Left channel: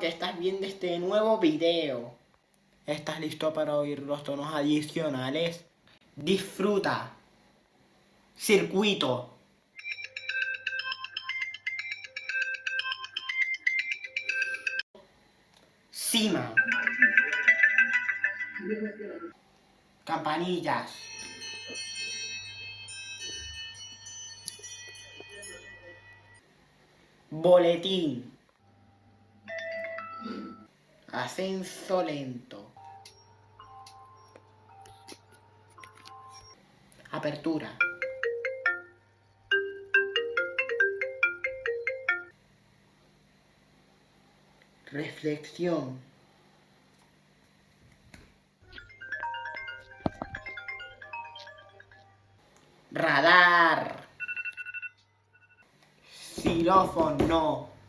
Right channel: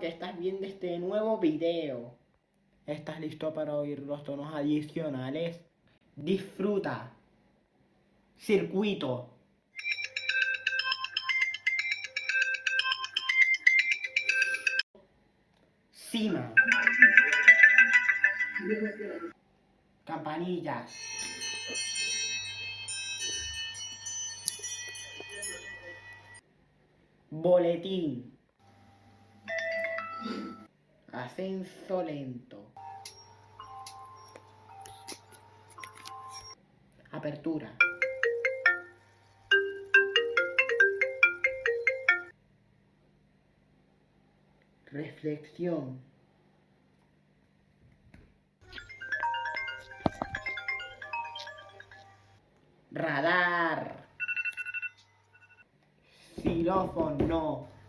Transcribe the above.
que estás viendo este nuevo video. ¿Estás listo para oír los tonos adicionales? Disfruta. Circuito. Cima. Campanillas. Boletín. Ascenso lento. Apertura. Reflexión. Radar. Xilófono.